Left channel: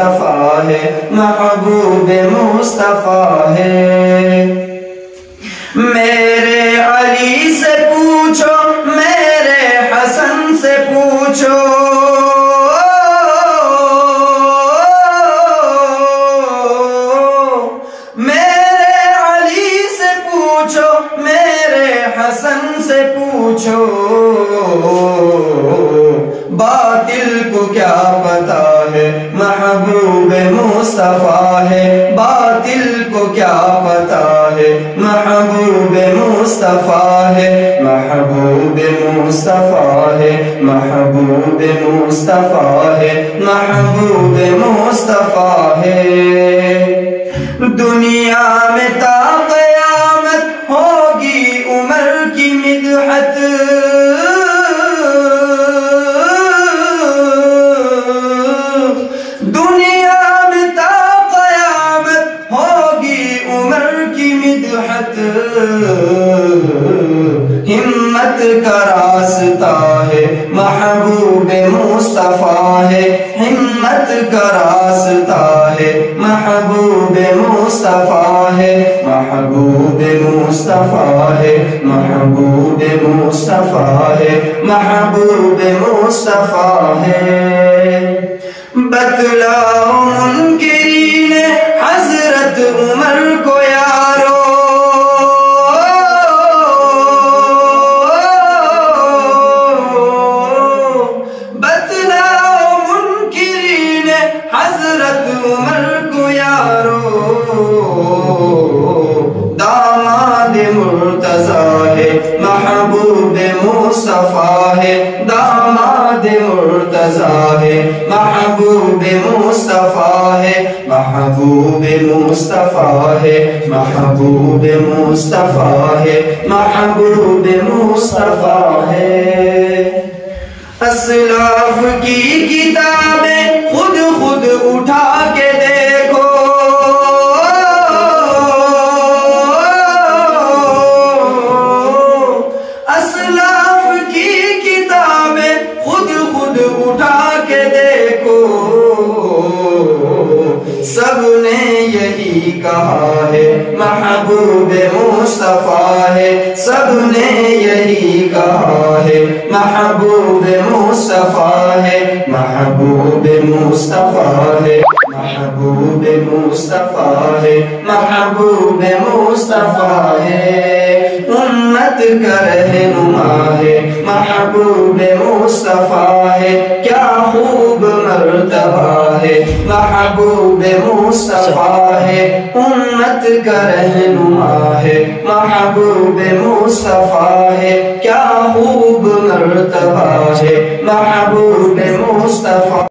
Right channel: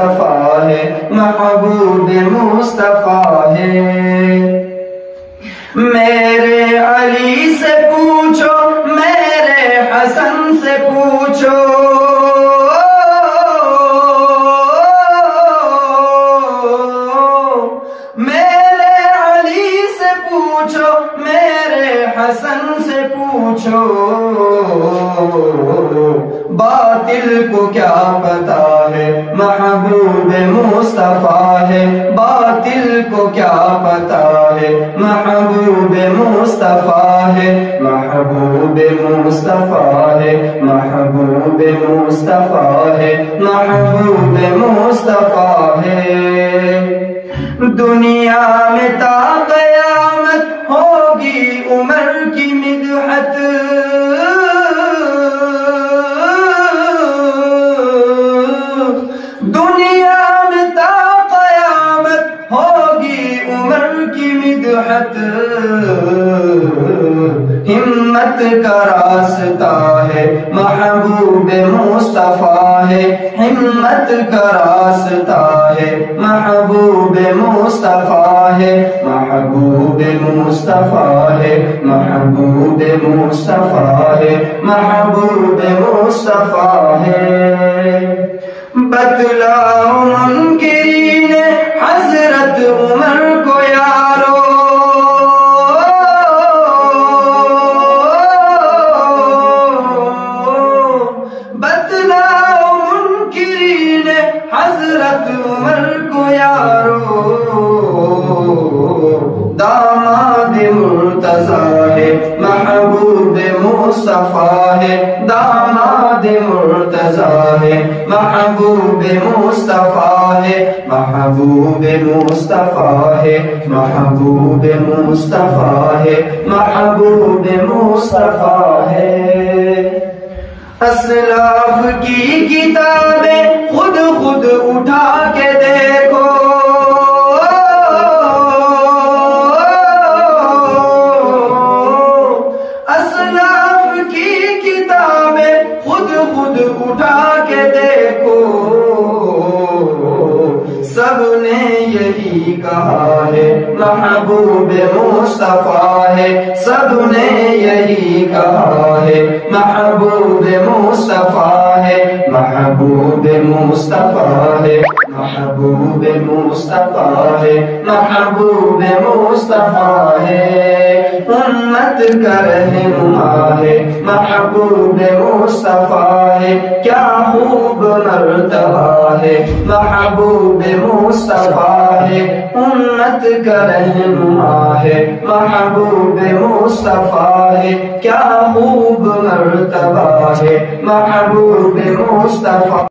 مصطفیٰ ہے، محبوب مصطفیٰ ہے۔ میرے علی سے پوچھو، میرے حسن سے پوچھو، میرے علی سے پوچھو، میرے حسن سے پوچھو، باطل کو کیا پتا ہے محبوب مصطفیٰ ہے، باطل کو کیا پتا ہے محبوب مصطفیٰ ہے، محبوب مصطفیٰ ہے، محبوب مصطفیٰ ہے، محبوب مصطفیٰ ہے۔ دنیا میں تا قیامت ہوگی عمر کی مدحت، دنیا میں تا قیامت ہوگی عمر کی مدحت، ہمت کا راستہ ہے محبوب مصطفیٰ ہے، ہمت کا راستہ ہے محبوب مصطفیٰ ہے، محبوب مصطفیٰ ہے، محبوب مصطفیٰ ہے، محبوب مصطفیٰ ہے۔ بتلاؤ منکرین حضرت عمر کو یارو، بتلاؤ منکرین حضرت عمر کو یارو، داماد مرتضیٰ ہے محبوب مصطفیٰ ہے، داماد مرتضیٰ ہے محبوب مصطفیٰ ہے، محبوب مصطفیٰ ہے، محبوب مصطفیٰ ہے، محبوب مصطفیٰ ہے۔ اسلاف کی کتابیں خود اٹھا کے دیکھو، اسلاف کی کتابیں خود اٹھا کے دیکھو، سب نے یہی کہا ہے محبوب مصطفیٰ ہے، سب نے یہی کہا ہے محبوب مصطفیٰ ہے، محبوب مصطفیٰ ہے، محبوب مصطفیٰ ہے، محبوب مصطفیٰ ہے۔ امت کا رہنما ہے محبوب مصطفیٰ ہے، کیا خوب مرتبہ ہے محبوب مصطفیٰ ہے، امت کا رہنما ہے محبوب مصطفیٰ ہے، کیا خوب مرتبہ ہے محبوب مصطفیٰ۔